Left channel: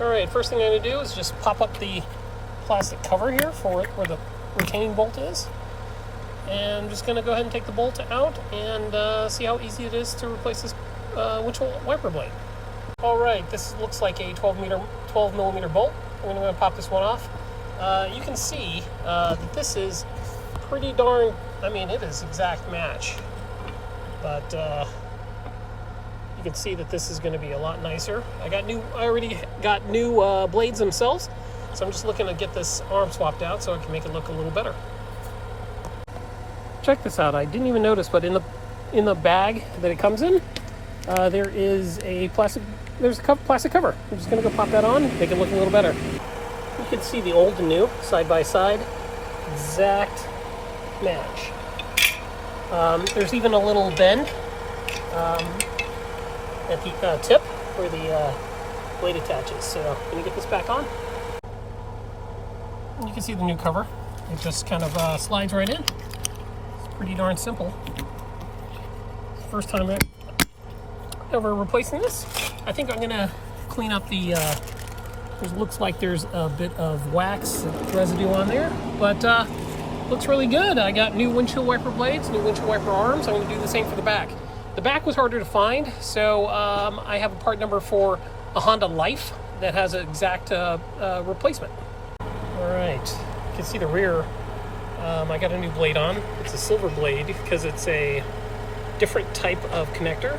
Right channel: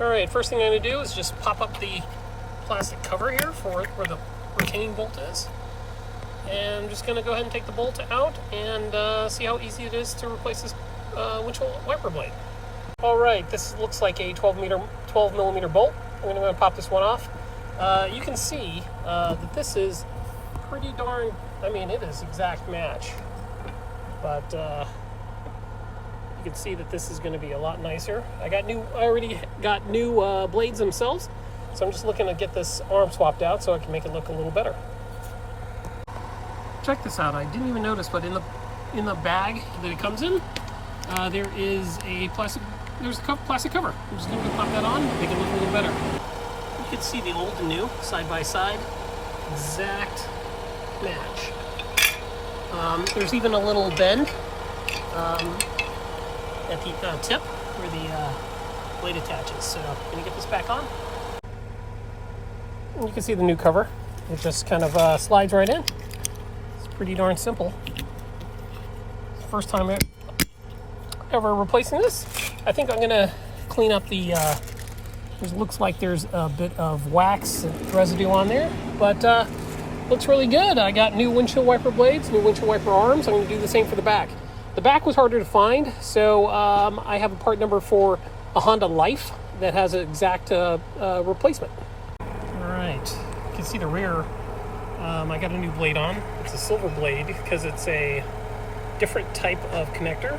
Alright, first thing I'm going to do is just pop up the plastic cover here for where the retaining bolt is. And I'm just going to go ahead and take the bolt out and see how easy it is to replace this windshield wiper blade. Alright, this looks like a 12 millimeter bolt. I'm going to pop this one off. You can see that this is pretty darn, I mean, it is exact match. But you can see that this is going to be a lot nicer. I already got new blades themselves, so I'm just looking to get this arm swapped out so I can make it look a little better. Check this out. I didn't even notice, but in the bag that it comes in, there is a plastic cover. I'm just going to go pop that on, make it look a little better. You can see the old and new side by side, exact match. There's even a little bend at the tip where the blade attaches. So I'm going to get this back on. You can see the new cover. It just kind of slides right in. It's pretty darn simple. It's the first time ever replacing this. I think I'm going to clean up the because it looks like there's a bit of wax residue on there, but looks really good. I got new windshield wiper blades, new windshield wiper arms. I'm going to do the same for the back. The back was harder to find, so I have a part number for a Honda Life that has an exact replacement. All right, you can see the rear. I got a new blade on. It's a silver blade because it's a different type of connector.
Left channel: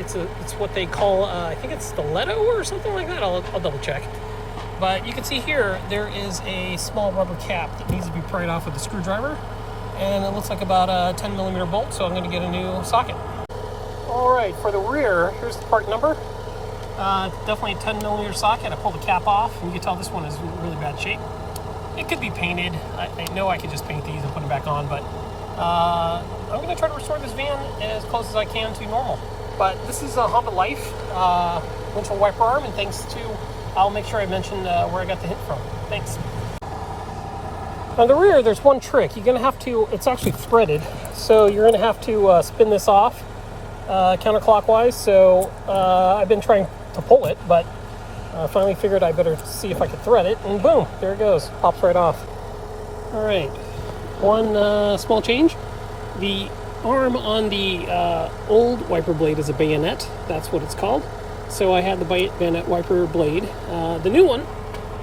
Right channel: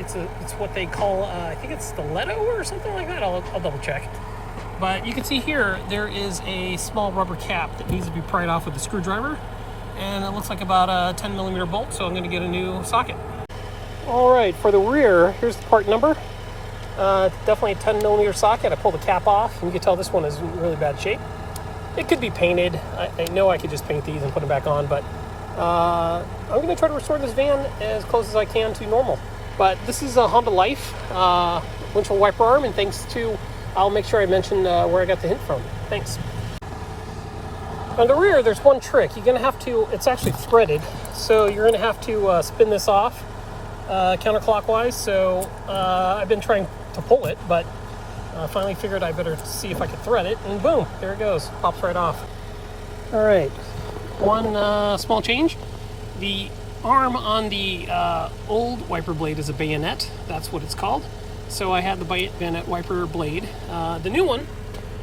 It's what they call, I think it's stiletto or something like that. I'll double check. But you can see here, there is a small rubber cap that needs to be pried off with a screwdriver. And it looks like about a 10 millimeter bolt, so I'm going to get a new socket. All right, for the rear, here's the part number. Definitely a 10 millimeter socket. I pulled the cap off. You can tell this one is in really bad shape. It could be painted. I know I could just paint these and put them back on, but I'm going to try to restore this van as close as I can to normal. But this is a Honda Life windshield wiper arm, and thanks to, I'll make sure I mention where I got the hint from. Thanks. On the rear, there's one trick. You're going to have to, it's actually threaded, so you're going to have to spin this off counterclockwise. So I've been trying to pull it, but I finally figured I better see if I could thread it, and boom, there it goes. Pops right off. All right, one small change. The arm on the old wiper blade is a bayonet. That's what it's called. So I had the bayonet wiper blade. The new one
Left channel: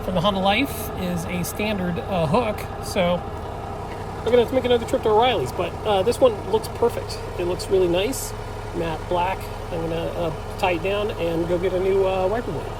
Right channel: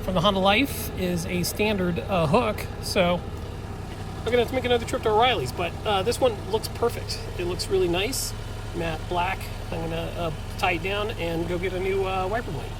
from the Honda Life is a standard hook. So I'm going to have to make another trip to O'Reilly's, but this one looks perfect. It looks really nice, matte black. I'm going to tie it down and go get a new wiper blade.